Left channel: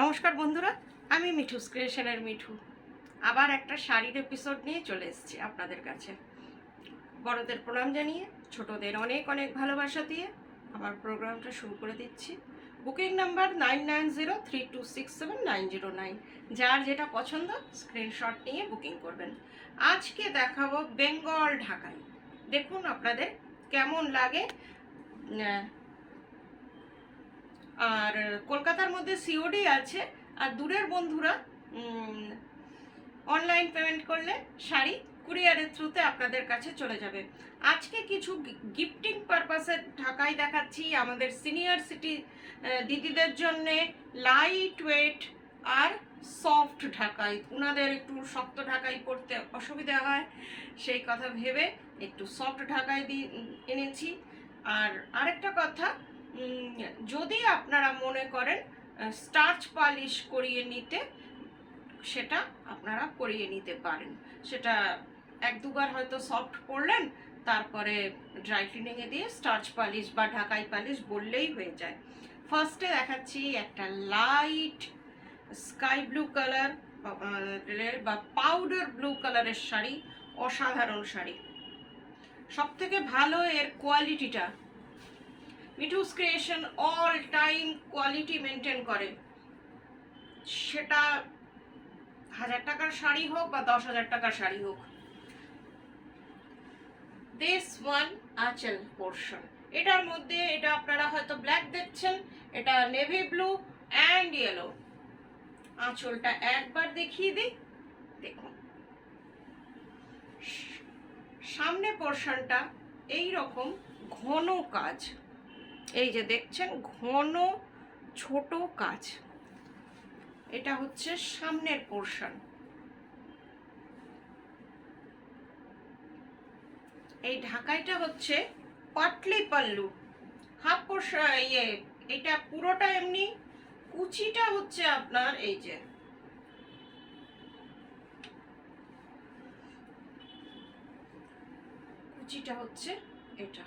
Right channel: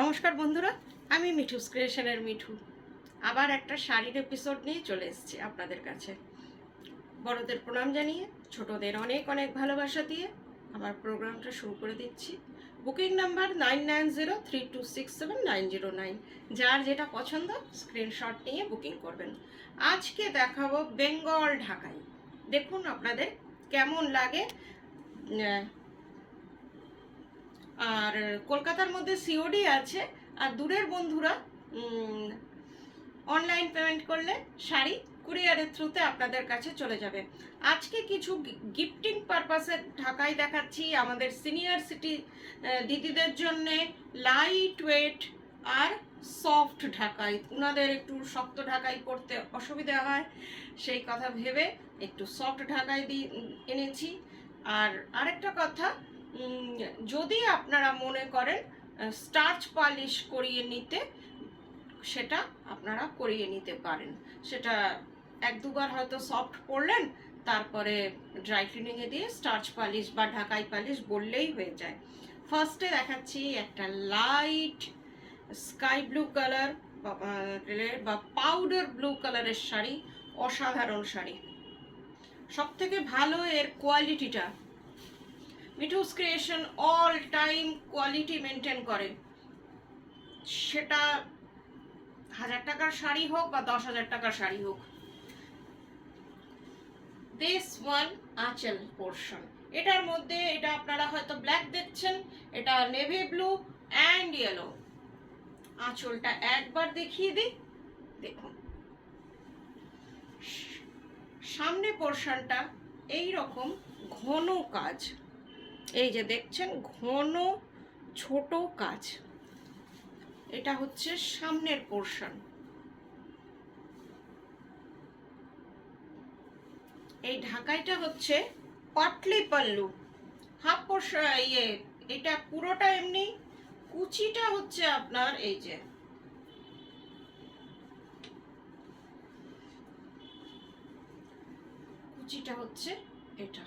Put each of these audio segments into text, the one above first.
নমস্কার বন্ধুরা, আমি মিঠু ক্রিয়েশনের মিঠু আবার একটা শাড়ির এপিসোড নিয়ে চলে এসেছি আপনাদের কাছে। বড়দের প্রণাম জানিয়ে ছোটদের অনেক অনেক ভালোবাসা দিয়ে আমার প্রোগ্রামটা শুরু করে দিচ্ছি। Booking number 9903267909। যার যেটা পছন্দ স্ক্রিনশট নিয়ে বুকিং করবেন। আজকে দেখাবো বেঙ্গল ঢাকাই। দেখুন আপনাদের কেমন লাগে। আর কলকাতার মধ্যে সিওডি আছে, আর দূরের বন্ধুরা অনলাইন পেমেন্ট করলে শাড়ি কুরিয়ারের থ্রুতে আপনাদের কাছে চলে যাবে। আজকে কিছু গিফটিং পারপাসে ঢাকাই দেখাচ্ছি আমাদের সিনিয়র সিটি দিদিদের জন্যে। লাইট ওয়েট আর সফট ঢাকাই, ওনাদের একটু শক্ত ঢাকাই পরতে অসুবিধা হয়, সেই কথা ভেবে একটু সফট ঢাকাই এনেছি। আর আরেকটা কথা, যদি আপনারা মনে করেন স্টার্চ পালিশ করিয়ে নিতে, সেটা আপনারা করিয়ে নিতে পারেন। সেটা এক দুবার হয়তো সফট পরলেন, তারপরে ড্রাই ক্লিনিংয়ে দিয়ে স্টার্চ পালিশ বা ঢাকাই পালিশ বললেই হয়ে যায়। ফার্স্টে দেখাচ্ছি একটা লাইট স্কাই ব্লু কালার বা পাউডার ব্লু কালারের শাড়ি। অসাধারণ শাড়ি, সব থেকে ভালো এর কোয়ালিটিটা। Mithu's creation all time quality maintain করে, সেটা 1000 টাকার শাড়ি হোক বা 10,000 টাকার শাড়ি হোক। দিস ওয়ান আঁচল পোর্শন, এটার মধ্যে এটা আপনারা হয়তো ব্ল্যাক দেখছেন, এটা নেভি ব্লু অ্যান্ড ইয়েলো। আঁচলটা একবার দেখিয়ে দিই, দেখুন সামনে পোর্শনটা এই রকম ঘন কাজ, এই যে দেখছেন ঘন ছোট কাজ। এটা হচ্ছে সামনের পোর্শন। এই ঢাকাইটা হচ্ছে পাটলি পাল্লু, হাফ পোর্শন। এটা পুরোটা এমনি, কুচিটা হচ্ছে আপনার এই যে কুচিটা হচ্ছে এটা,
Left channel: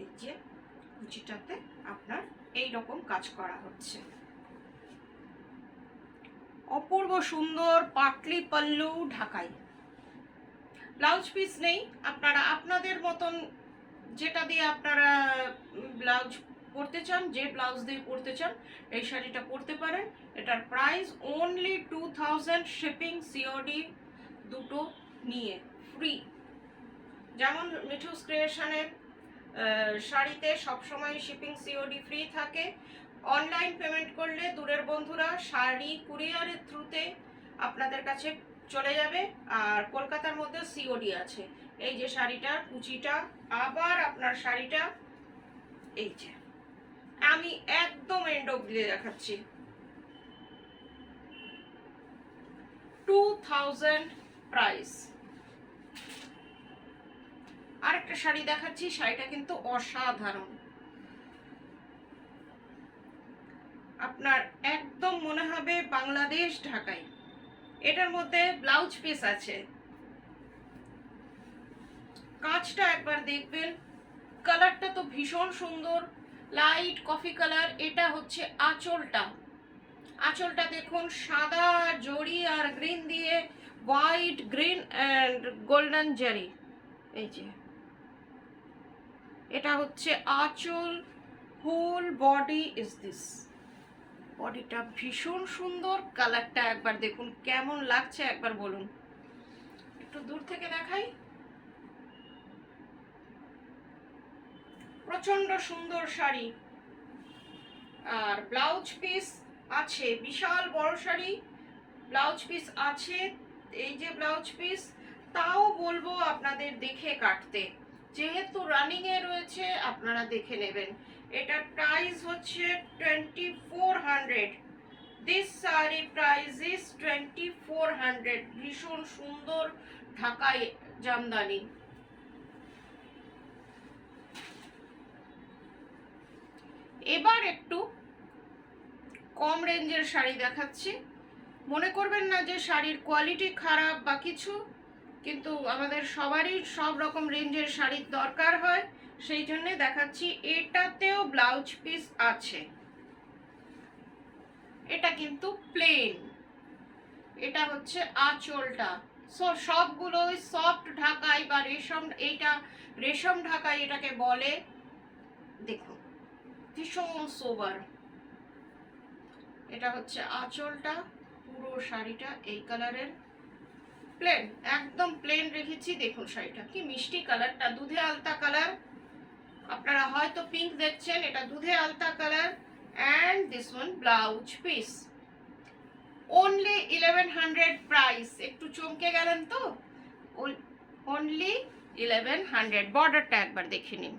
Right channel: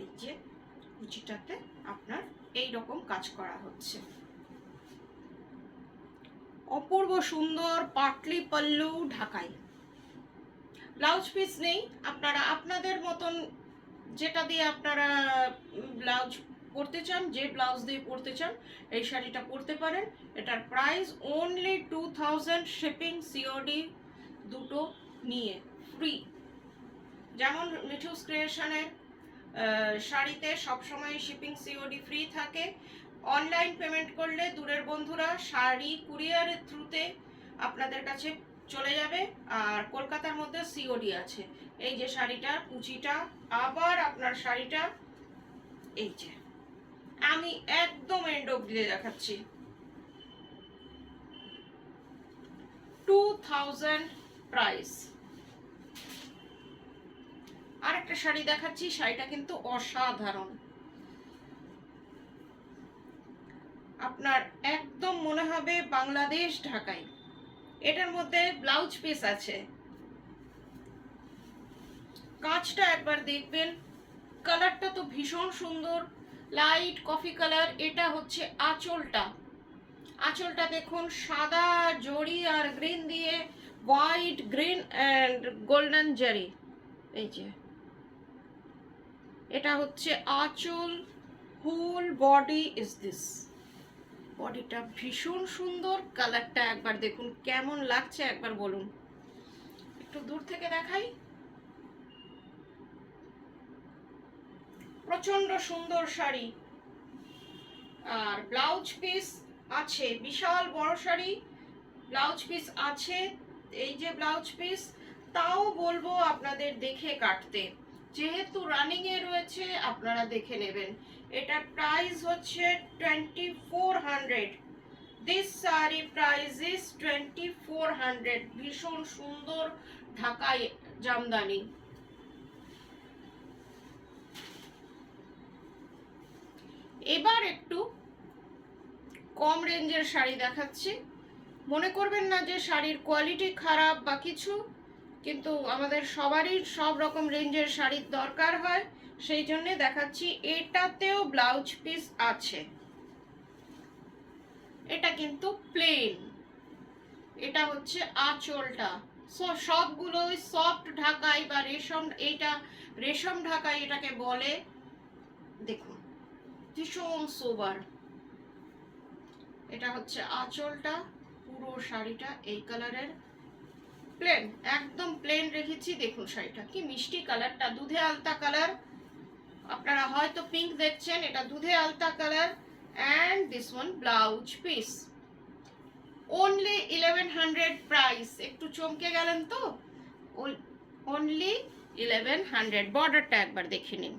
এই যে কুচিটাতে আপনার এই রকম কাজ করা হচ্ছে। অপূর্ব সুন্দর পাটলি পাল্লু ঢাকাই। ব্লাউজ পিস নেই, আপনারা আপনাদের মতন যেটা দিয়ে আপনারা ব্লাউজ পরতে চান, যে ব্লাউজ দিয়ে পরতে চান এই শাড়িটা পরতে পারেন। এটার প্রাইস অনলি 2000, শিপিং সিওডি দুটো নিয়ে ফ্রি। যেমন মিঠুস ক্রিয়েশনের শাড়িতে সবসময় শিপিং সিওডি ফ্রি থাকে। অনলাইন পেমেন্ট করলে দূরের বন্ধুরা শাড়ি কুরিয়ারের থ্রুতে আপনাদের কাছে চলে যাবে। আর কলকাতার মধ্যে সিওডি আছে। এই যে শাড়িটার কুচিটা, আবার আপনার শাড়িটা এই যে আমি একদম এন্ড অবধি দেখাচ্ছি। 2000 প্রাইস। আরেকটা শাড়ি দেখাচ্ছি, শাড়িটা কিন্তু অসাধারণ, আপনার একদম মনে হবে বাংলাদেশ ঢাকাই। এটার মধ্যে ব্লাউজ পিস আছে, কাঁচটা একবার দেখবেন। কালারটা তো ভীষণ সুন্দর, লাইট কফি কালার। এটা হচ্ছে আঁচলটা, আঁচলটা দেখুন সাদা জরি আর গ্রিন দিয়ে, হোয়াইট গ্রিন অ্যান্ড গোল্ডেন জারি। এই যে এটা হচ্ছে আঁচল। Whole body is this. বডিটা ভীষণ সুন্দর, কালারটা একবার দেখুন কেমন লাগছে, একবার বলুন। একটু দূর থেকে দেখাই, প্রচন্ড সুন্দর শাড়ি। আর ব্লাউজ পিস আছে, বিশাল বড় শাড়ি, ব্লাউজ পিস আছে। এই যে ব্লাউজ পিস, তাও বলবো আপনাদের দেখে কাটতে, যেহেতু রানিং এ রয়েছে আপনারা দেখে নেবেন। এটার প্রাইস হচ্ছে 2400। This sari price is 2400। ভীষণ সুন্দর ঢাকাই জামদানি। এবার একটু কম রেঞ্জের শাড়ি দেখাচ্ছি। মনে করবেন না যে শাড়ির কোয়ালিটি খারাপ বা কিছু, কিন্তু আমাদের সবারই সব রকম রেঞ্জের শাড়ির দরকার হয়, সেই জন্য দেখাচ্ছি। এটাতেও ব্লাউজ পিস আছে, এটা কিন্তু প্লেন, এটা হচ্ছে আঁচলটা। সবগুলো সফট ঢাকাই বা রেশম, এইটা রেশম ঢাকাই এটাকে বলে। দেখুন ভীষণ সোবার। এটা হচ্ছে আঁচলটা, পুরো শাড়িটা এই কালারের, প্লেন, একদম প্লেন রেখেছি। দেখুন শাড়িটা কি মিষ্টি কালারটা, দুধে আলতা কালার। আপনারা হয়তো পিঙ্ক দেখছেন, এটা দুধে আলতা colour. And this one blouse piece, only 1100 price. একটু চমকে গেলেন তো, অনলি 1100। বর্ডারটা একবার দেখে নিন।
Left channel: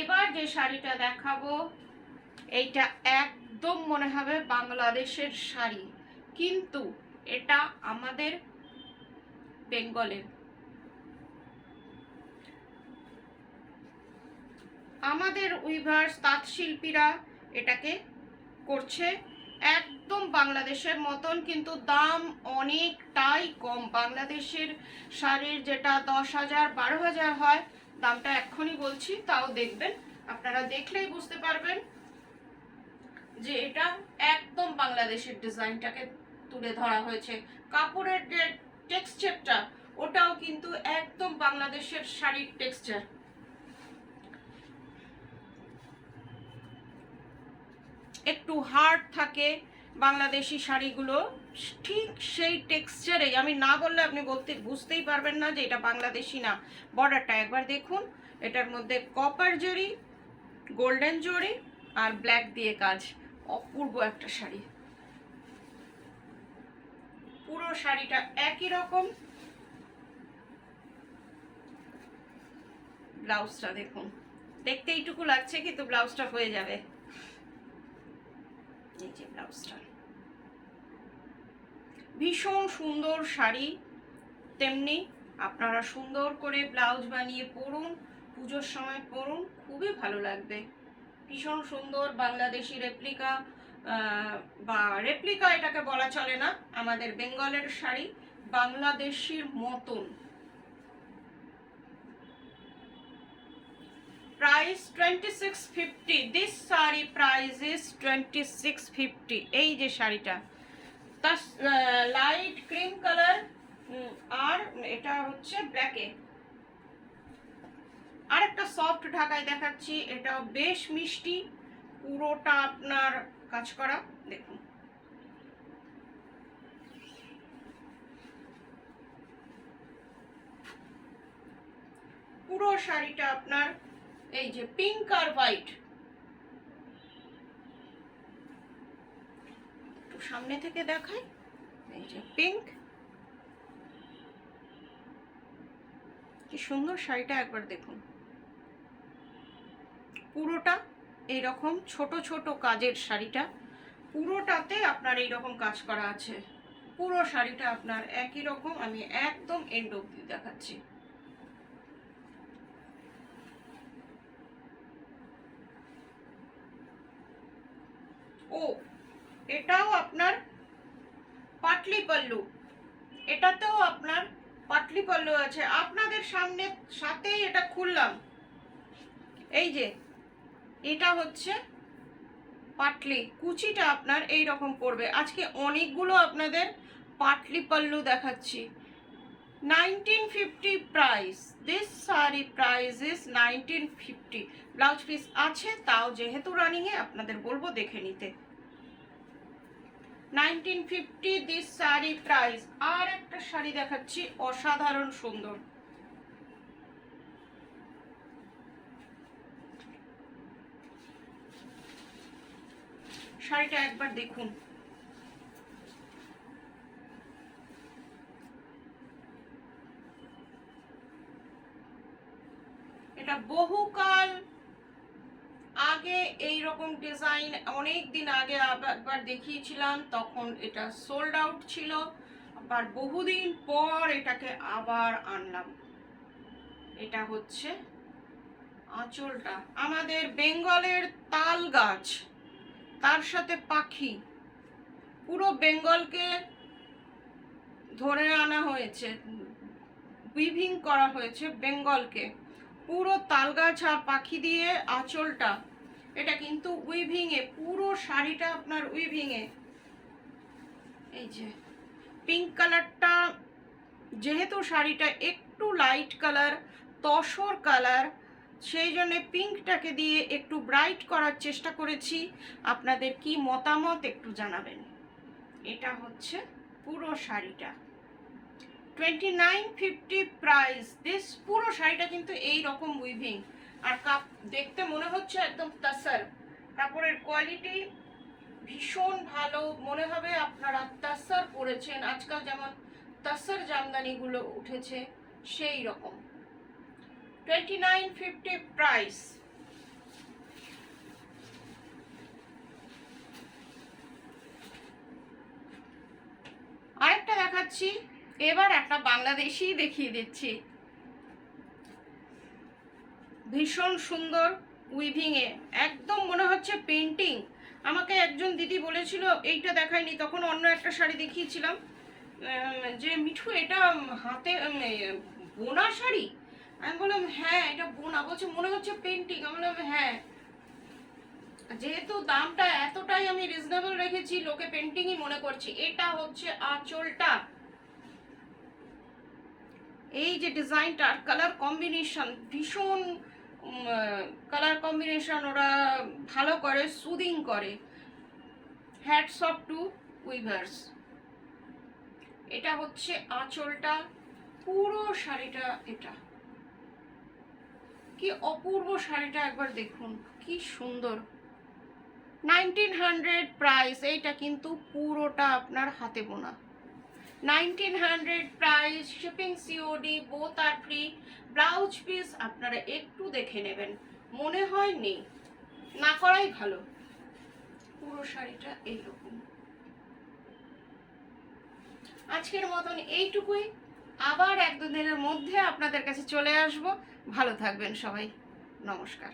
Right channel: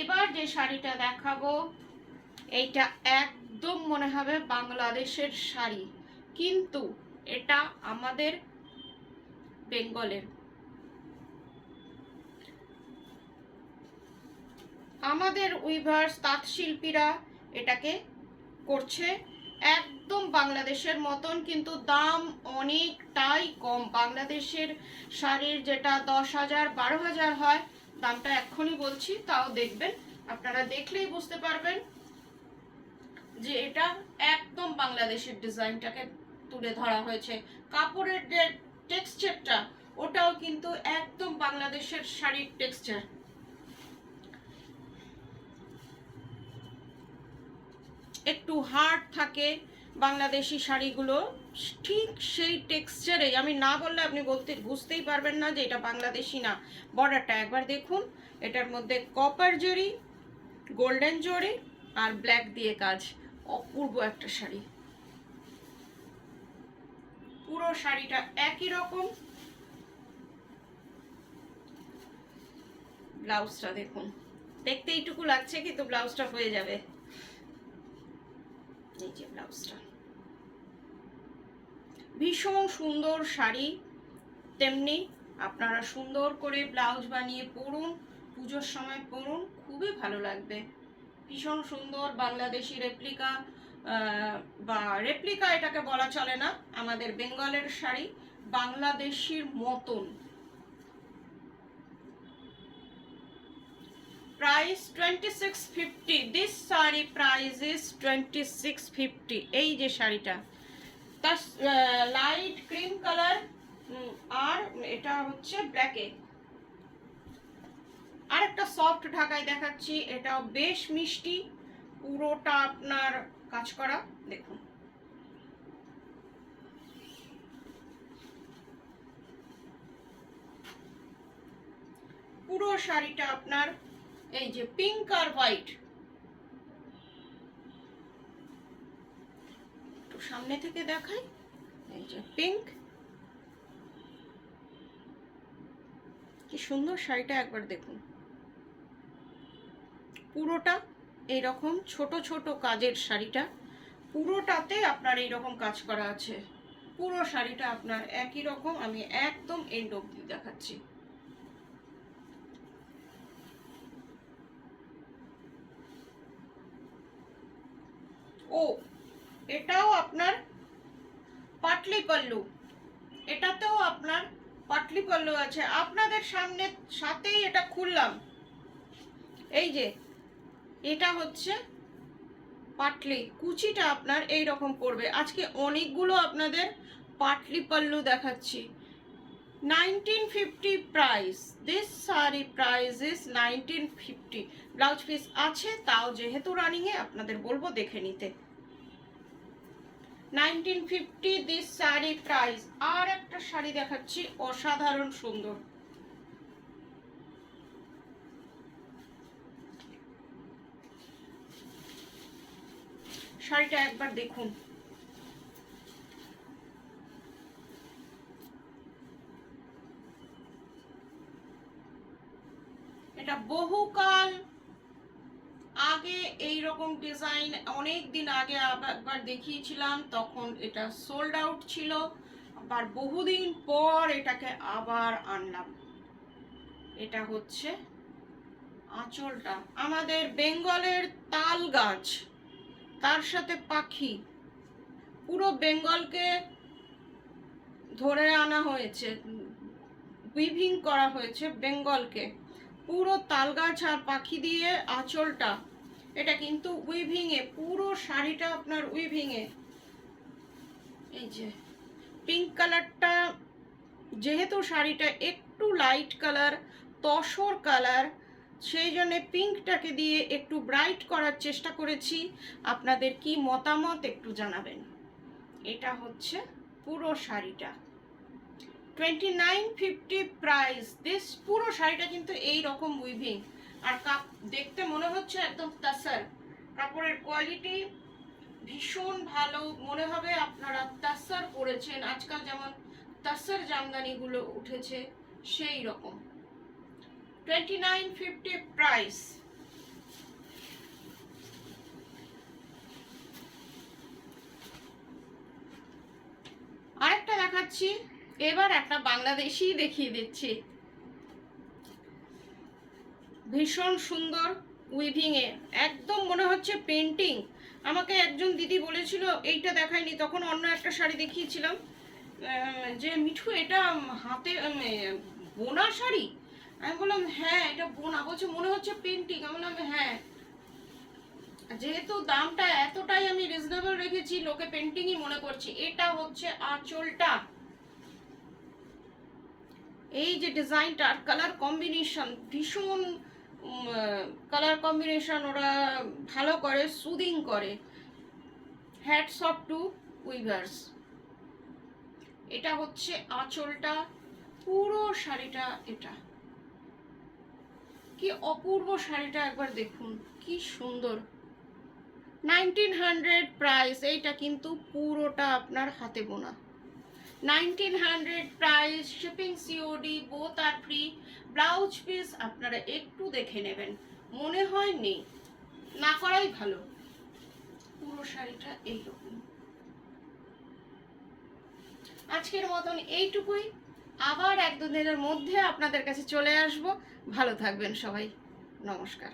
এবার যে শাড়িটা দেখাবো, এইটা একদম মনে হবে বাংলাদেশের শাড়ি, কিন্তু এটা আমাদের বেঙ্গলের। আমাদের উইভার্স, তাঁত শিল্পীরা এটাকে করছে একদম বাংলাদেশের মতন, কিন্তু দাম অনেকটাই কম। বাংলাদেশের শাড়ির যেটা 10,000 12,000 হয়, দামটা এক্ষুনি বলছি, তাও দেখবেন, আপনারা দেখলেই বুঝতে পারবেন যে এটা একদম বাংলাদেশের ডিজাইনটাকে তুলে ধরা হয়েছে। কাপড়ের যে টেক্সচারটা, ওটাও কিন্তু একদম বাংলাদেশের শাড়ির টেক্সচার। একটু হার্ড থাকে বাংলাদেশি শাড়িগুলো, ঠিক সেই টেক্সচারে, আমি না বললে আপনি বুঝতেই পারবেন না যে এটা বাংলাদেশি না। বর্ডারটা একবার দেখুন, এটার মধ্যে কপার জরি, গোল্ডেন জরি আর ব্ল্যাক দিয়ে কাজ, অপূর্ব একটা শাড়ি। পুরো শাড়িটা একই রকম। ব্লাউজটা দেখুন, দেখতে এইটুকু লাগছে কিন্তু ব্লাউজটা হয়ে যাবে। এই যে ব্লাউজটা, ভীষণ সুন্দর শাড়ি। তেমনি আপনারা সুন্দর করে ব্লাউজ বানিয়ে পরুন, পুজোর সময় পরুন, খুবই ভালো লাগবে। ভীষণ সুন্দর বাংলাদেশি রেপ্লিকা, বা রেপ্লিকা এটাকে বলা চলে না, আমাদের বেঙ্গলের শাড়ি বাংলাদেশির মতন। Price 2650। This sari price is 2650। এই যে শাড়িটা, তার লাইট ক্রিম কালার, আর এটা হচ্ছে ব্ল্যাকে। আর একটা সফট ঢাকাই দেখাচ্ছি, এটাও বেশ মিষ্টি, পুরোটা আপনার কাজ করা। দেখুন পুরো শাড়িটা আপনার এই যে পিঙ্ক আর হোয়াইট, একটু সামনে থেকে দেখাই, এই যে পিঙ্ক, কি সুন্দর শাড়িটা একবার দেখুন। পুরোটা এইরকম ছোট ছোট কাজের শাড়িটা, পুরোটাতে আপনার এইরকম কাজ করা আছে। পুরো শাড়িটা আপনার একই রকম। আমি একদম এন্ড অবধি দেখাচ্ছি। ও, এটাও আপনার পাটলি পল্লু, এটাতেও আপনার পাটলি পল্লু আছে। আপনাদের সামনে সাথেই এটা খুললাম, এই যে এটা হচ্ছে পাটলি, কুচিটা আপনার এই রকম পড়বে। আজকে অনেকগুলো আপনাদের পাটলি পল্লু দেখাচ্ছি। 1950 price. This sari price is 1950। Blouse piece আছে, তাও যেহেতু রানিংয়ে আপনাদের বলবো দেখে নিতে। 1950 দিস শাড়ি প্রাইস। আর একটা শাড়ি দেখাচ্ছি, অসাধারণ সুন্দর। শাড়িটা একবার দেখুন, এটা বহুকাল আগে এই রকম ডিজাইন অনেক দিন আগে একবার দেখিয়েছিলাম, তখন এটা সোল্ড আউট ছিল। আবার বহুদিন পর এটাকে আবার আনলাম। এটা হচ্ছে আঁচলটা, আমাদের বেঙ্গলের তাল গাছ, তার সাথে পাখি, পুরো বেঙ্গলকে ধরে আনা হয়েছে, উইভিং করা হয়েছে বেঙ্গলকে। পুরো তালগাছ আর পাখি দিয়ে আঁচলটা, এটা কিন্তু উইভিংয়ে, পুরো শাড়িটা আপনার উইভিংয়ে। এই যে পিঙ্ক কালারটা, যেহেতু শাড়িটা একটু লাইট কালার, তসর কালার, সেই জন্য পিঙ্কটাকে দিয়ে একটু ব্রাইট করার চেষ্টা করেছি। আপনাদের কি মতামত একটু জানাবেন। এটা হচ্ছে পুরো শাড়িটা, 2950 প্রাইস দিস। পুরো শাড়িটা কিন্তু এই রকম উইভিং, আর কাপ দেখতে মনে হচ্ছে একদম তাসার। কাপড়ের কোয়ালিটি ভীষণ ভালো, মনে হবে আপনারা তাসার পরেছেন। আজকাল যেমন তাসার জামদানিগুলো উঠেছে সেই রকম। 2950 প্রাইস। আরেকটা দেখাচ্ছি, এবার একটা বাংলাদেশি দেখিয়ে দিচ্ছি। ভীষণ সুন্দর উইভিংয়ে, একদম মনে হচ্ছে পেন্টিং। আমাকে একজন দিদি বলেছিল এইটা দেখায়নি, তখন অন্য একটা শাড়ি দেখিয়েছিলাম, যে মিঠু এটা হাতে বোনা শাড়ি। আমি বললাম হ্যাঁ এটা বোনা, বলছে মনে হচ্ছে পেন্টিং। আমি বললাম হ্যাঁ, যেহেতু দামটা এতটাই আমি রিজনেবল রেখেছি, লোকে পেন্টিংই মনে করছে। এটা হচ্ছে আঁচলটা, এই যে ডিজাইনটা, কালার কম্বিনেশন ভীষণ, কালার কম্বিনেশন ওরা ভালো করে, সুদিং করে। Hats off to weavers. এটা হচ্ছে আঁচলটা, পুরো শাড়িটা এটা। কি অপূর্ব শাড়িটা, একবার দেখুন কি সুন্দর। 1900 প্রাইস। এইটা কিন্তু পুরোটা আপনার হাতে বোনা। 1900 প্রাইস, শিপিং সিওডি, বোথ আর ফ্রি। ব্লাউজ পিস আপনারা একটু দেখে নেবেন, মনে হয় নেই, না করাই ভালো। পুরো শাড়িটা এইরকম। আজকের মতন এইটুকুই, আবার এক দুদিনের মধ্যে আপনাদের কাছে চলে আসব। ভালো থাকবেন সবাই, নমস্কার।